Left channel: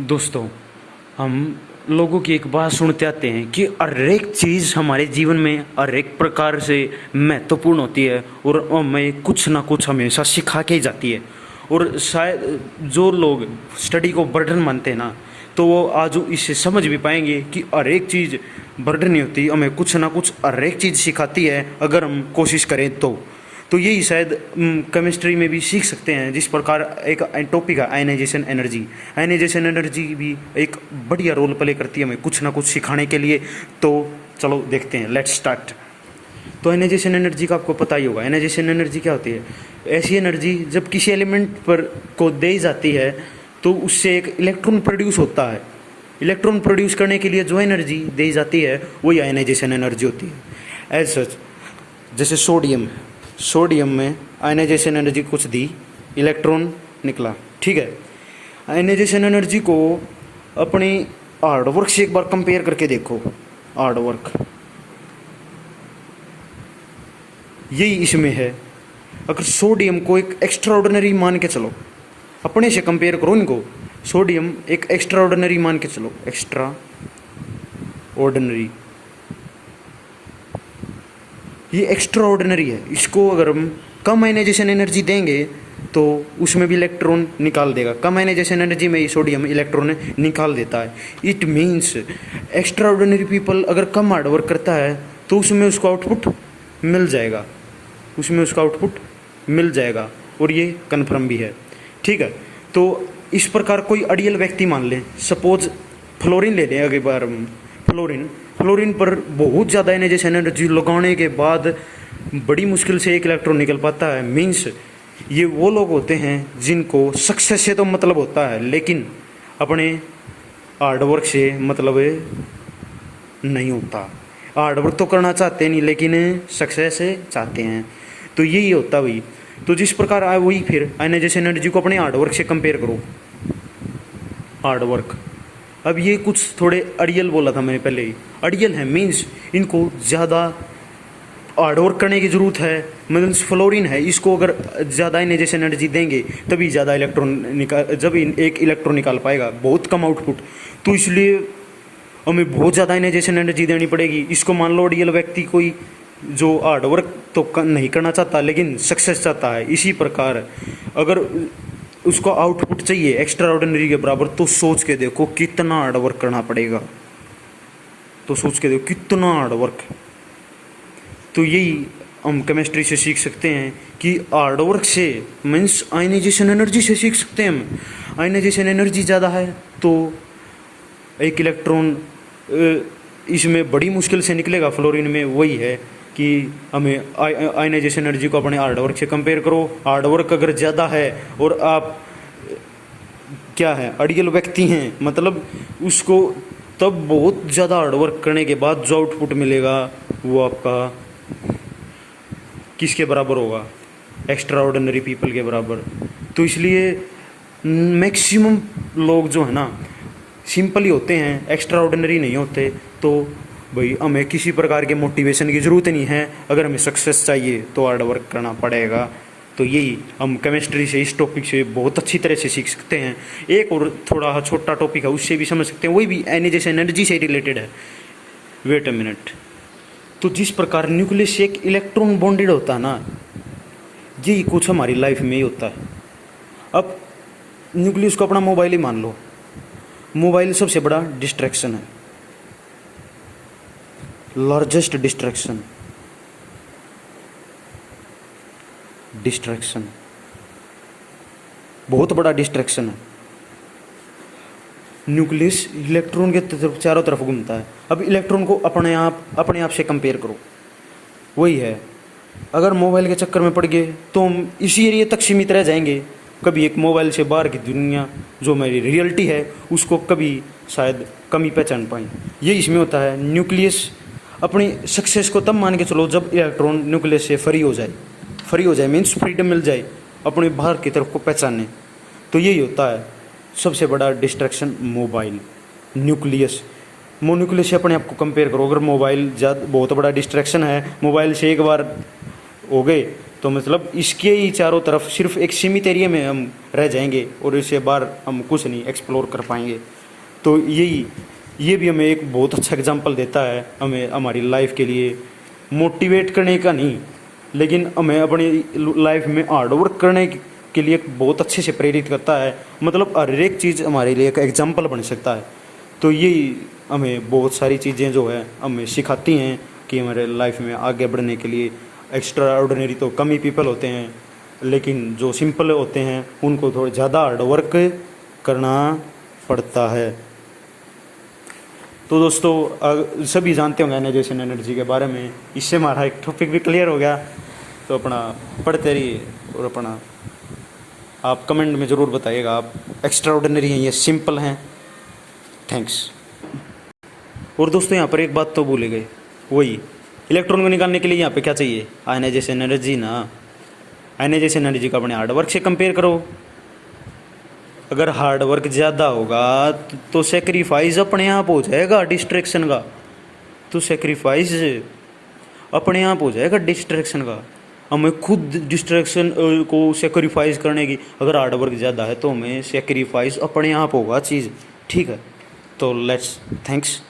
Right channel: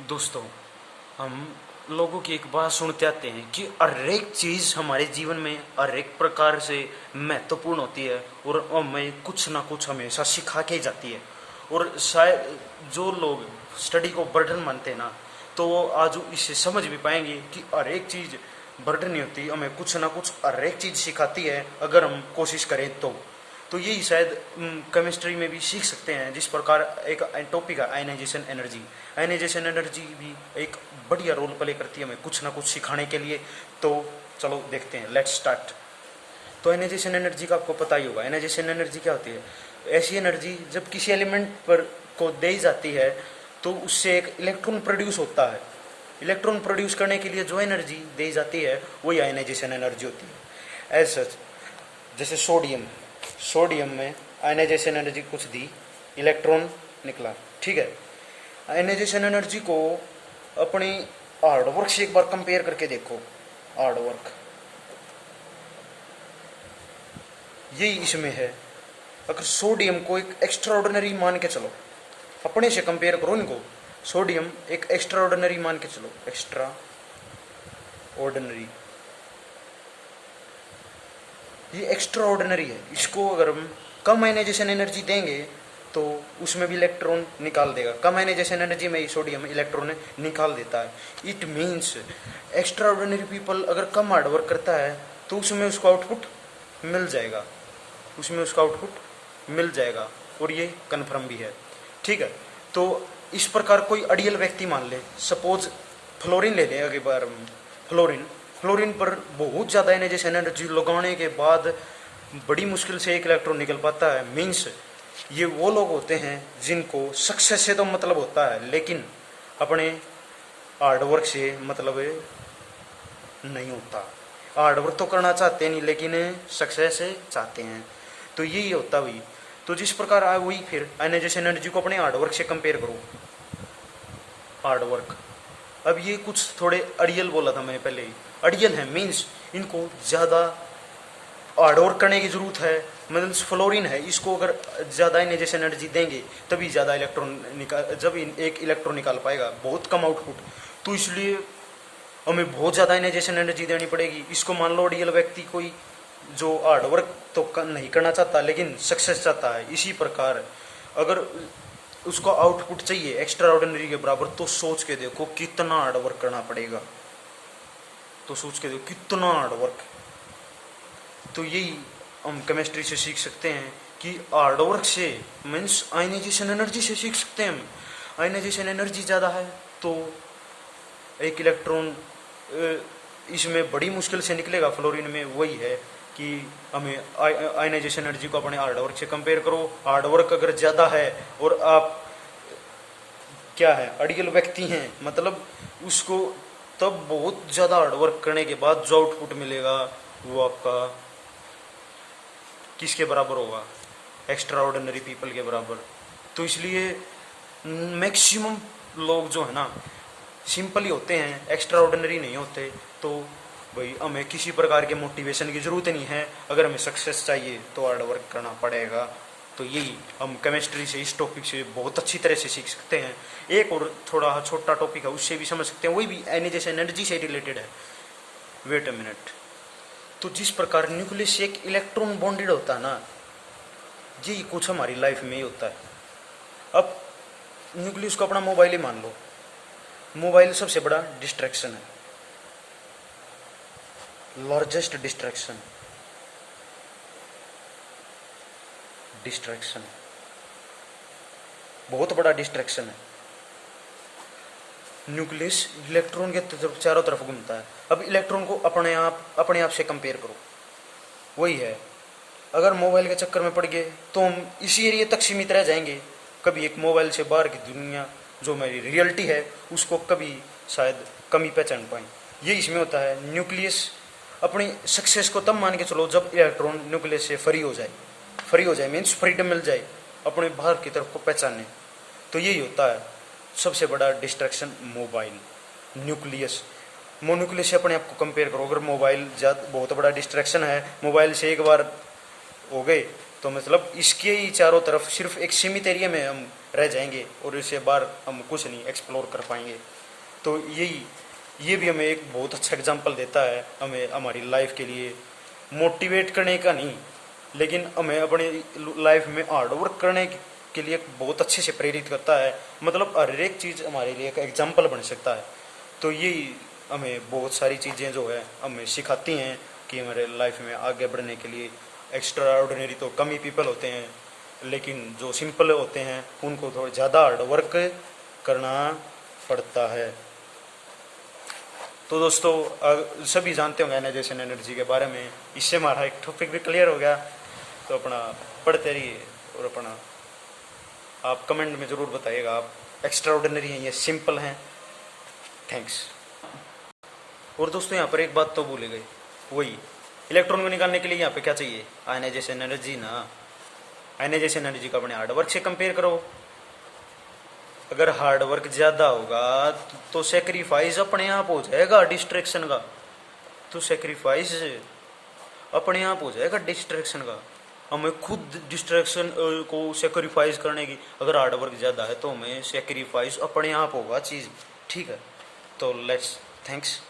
दोस्तों, हम लोगों की एक बात सुनते आते हैं कि हर एक चीज़ हमारे जीवन में हर एक प्रकार से महत्वपूर्ण होती है और हमें कुछ ना कुछ हमेशा सिखा के ही जाती है। और शायद जो लोग स्टडी को बर्डन मानते हैं ना, तो वो आज इसे समझ भी पाएंगे कि हर एक चीज़ बर्डन नहीं होती, हमें कुछ ना कुछ हर एक चीज़ सिखाती है अगर हम कोशिश करें तो यही शायद केमिस्ट्री में भी सीख सकते हैं। जिस प्रकार एक टॉपिक है आयनाइजेशन एनर्जी, आयनाइजेशन एनर्जी भी एक बढ़िया रोल प्ले करती है हमें कुछ ना कुछ सिखाने के लिए। तो चलो देखते हैं, लेट्स स्टार्ट। तो आयनाइजेशन एनर्जी का आपको पता ही होगा। आयनाइजेशन एनर्जी क्या होती है? ऐसी एनर्जी जब किसी एलिमेंट पर को दी जाती है तो उससे एक इलेक्ट्रॉन प्रोड्यूस होता है। इलेक्ट्रॉन प्रोड्यूस करने के लिए जो एनर्जी दी जाती है वही आयनाइजेशन एनर्जी होती है। एज सच, जैसे सोडियम में आयनाइजेशन एनर्जी कुछ दी, इलेक्ट्रॉन निकला, ठीक है। आयनाइजेशन एनर्जी को अपनी हार्डवर्क से एक बार कंपेयर करके देखो। हार्डवर्क यही इसमें है। अगर सोडियम को एक एक्स्ट्रा ऑर्डिनरी मान के चलो, अपने से कंपेयर करो इनको, सोडियम एक एक्स्ट्रा ऑर्डिनरी मान के चलो, एक्स्ट्रा ऑर्डिनरी, ये एक्स्ट्रा ऑर्डिनरी है। इसको अगर हम कम आयनाइजेशन एनर्जी देंगे तो उसमें भी इलेक्ट्रॉन निकाल देगा। कम आयनाइजेशन एनर्जी में ही सोडियम इलेक्ट्रॉन निकाल देता है। It means extra ordinary people अगर कम हार्ड वर्क करता है तो उसमें उसको आउटपुट मिल जाएगा, और ये कन्फर्म भी है, ठीक है। तो इस प्रकार कोई आइडियल व्यक्ति मान ले, सपोज फ्लोरीन ले लें। अगली बार फ्लोरीन पर बहुत ज़्यादा आयनाइजेशन एनर्जी लगाने के बाद बड़ी मुश्किल से एक इलेक्ट्रॉन निकल पाता है। मीन्स ये वो लोग होते हैं जिनको सक्सेस से तो मतलब होता है लेकिन अपने हार्डवर्क से मतलब नहीं होता। हार्डवर्क तो करना चाहते नहीं लेकिन सक्सेस चाहते हैं, तो यही होता भाई। तो जिस प्रकार आए वही, फिर आयनाइजेशन एनर्जी को अपने हार्डवर्क से कंपेयर करो। हार्डवर्क, अब ये कुछ थोड़े अड़ियल बोला था मैंने पहले ही, अड़ियल है मीन्स इनको ज़्यादा हार्डवर्क करने की ज़रूरत है। मीन्स फ्लोरीन है, इसको अगर ज़्यादा आयनाइजेशन एनर्जी देंगे तभी ज़्यादा इलेक्ट्रॉन निकाल, जब एक इलेक्ट्रॉन निकाल पाएगा, बहुत कम आउटपुट। तो इसलिए हमें बहुत ज़्यादा आयनाइजेशन एनर्जी देनी पड़ेगी। इसको मान लो अड़ियल व्यक्ति कोई जो हार्डवर्क तो नहीं करना चाहता लेकिन सक्सेस चाहता है। इसी प्रकार अगर उसको आउटपुट चाहिए एक्स्ट्रा ऑर्डिनरी के बराबर, तो सोच के देखो कितना हार्डवर्क करना पड़ेगा। कितना हार्डवर्क। तो यही हम केमिस्ट्री से सीख सकते हैं कि हार्डवर्क से मीन्स आयनाइजेशन एनर्जी से सीख सकते हैं हम। आयनाइजेशन एनर्जी ज़्यादा है तो एक इलेक्ट्रॉन इसमें बड़ी मुश्किल से निकलेगा। फ्लोरीन में वही है कि हमें आयनाइजेशन एनर्जी को अपने हार्डवर्क से कंपेयर करो। हार्डवर्क अगर ज़्यादा है और आप क्या है अड़ियल व्यक्ति हैं, मतलब उसको तब बहुत ज़्यादा हार्डवर्क करने के बाद जो आउटपुट मिलेगा वो आपका किसके बराबर होगा? एक्स्ट्रा ऑर्डिनरी पीपल के बराबर। तो इसलिए मैक्सिमम लोग जो है ना सिंपल ही होते हैं, एक्स्ट्रा ऑर्डिनरी नहीं होते। तो भाई हमें किसी प्रकार के मोटिवेशन की ज़रूरत नहीं है। अगर हमें सक्सेस चाहिए तो हार्ड वर्क करना पड़ेगा। तो यही हम केमिस्ट्री से इस टॉपिक से बहुत अच्छी तरह से सीख सकते हैं। एक और थोड़ा छोटा टॉपिक है उससे भी समझ सकते हैं, वही भी आयनाइजेशन एनर्जी से रिलेटेड है। Wait a minute. तो जिस प्रकार न्यूक्लियस से एक इलेक्ट्रॉन बॉन्डेड होता है ना, यही कुछ हमारी लाइफ में ही होता है। अब न्यूक्लियस को अपना मोबाइल ही मान लो। मोबाइल सबसे बड़ा डिस्ट्रैक्शन है, लार्जेस्ट डिस्ट्रैक्शन बहुत बड़ा डिस्ट्रैक्शन है। न्यूक्लियस इलेक्ट्रॉन के चारों तरफ घूमता है। अब इलेक्ट्रॉन को अपने आप से कंपेयर करो, वही है। अगर मोबाइल के चक्कर में पड़ गए तो हम इसी एरिया तक सीमित रह जाएंगे। कभी एक मोबाइल से बाहर की दुनिया जो मेरी रियलिटी है उसको कभी शायद कम ही पहचान पाए। ये इसमें होता है। न्यूक्लियस अपनी सक्सेस को तब मान के चलो जब इलेक्ट्रॉन न्यूक्लियस से फ्री हो जाए मीन्स फ्रीडम मिल जाए अपने बाहर की तरफ को पहचानने। तो यही होता है सबसे बड़ा डिस्ट्रैक्शन, मोबाइल। न्यूक्लियस से अपने आप को कंपेयर करो। अगर मोबाइल बहुत बड़ा डिस्ट्रैक्शन है, मोबाइल से एक बार हो गए तो मतलब इसके ही चारों तरफ सिर्फ एक सीमित एरिया में हम रह जाएंगे और इससे बाहर हम कुछ नहीं एक्सप्लोर कर पाएंगे। तो ये भी हमें एक बहुत अच्छा एग्जाम्पल देता है, हमें हमारी लाइफ के लिए मोटिवेट करने का नहीं, लेकिन हमें अपनी लाइफ में हार्ड वर्क करने के लिए बहुत अच्छे से प्रेरित करता है। मतलब हर एक चीज़ हमारे लिए एक एग्जाम्पल बन सकता है। तो यही हमें बहुत सारी चीज़ें जो है हमें सिखाती हैं कि हमारे लाइफ में आगे बढ़ने के लिए एक्स्ट्रा ऑर्डिनरी तो कम ही पीपल होते हैं, लेकिन जो सिंपल होते हैं उनको थोड़ा ज़्यादा हार्ड वर्क करना पड़ता है। तो दोस्तों सभी जानते होंगे एनालाइजेशन एनर्जी के बारे में, इससे हमारा एक टॉपिक भी क्लियर हो गया। तो अपना पढ़ते रहिए और अपना आप कमेंट में ज़रूर बताइएगा आप एक्स्ट्रा ऑर्डिनरी हैं या सिंपल हैं। थैंक्स। और दोस्तों यहाँ पर एक बात तो भूले गए, वही इलेक्ट्रॉन को निकालने के लिए यहाँ पे क्या चाहिए, आयनाइजेशन एनर्जी ना। आयनाइजेशन एनर्जी को अपने हार्ड वर्क से कंपेयर करो। अगर हार्ड वर्क ज़्यादा होगा तो सेक्रीफाइस अपने आप हो जाएगा डिस्ट्रैक्शन का। तो सेक्रीफाइस अपने आप हो जाएगा डिस्ट्रैक्शन का। हमें खुद डिस्ट्रैक्शन को सेक्रीफाइस करने की, अगर हार्ड वर्क ज़्यादा है तो हमें सेक्रीफाइस अपने आप होगा चीज़। ठीक है, तो लेट्स थैंक्स।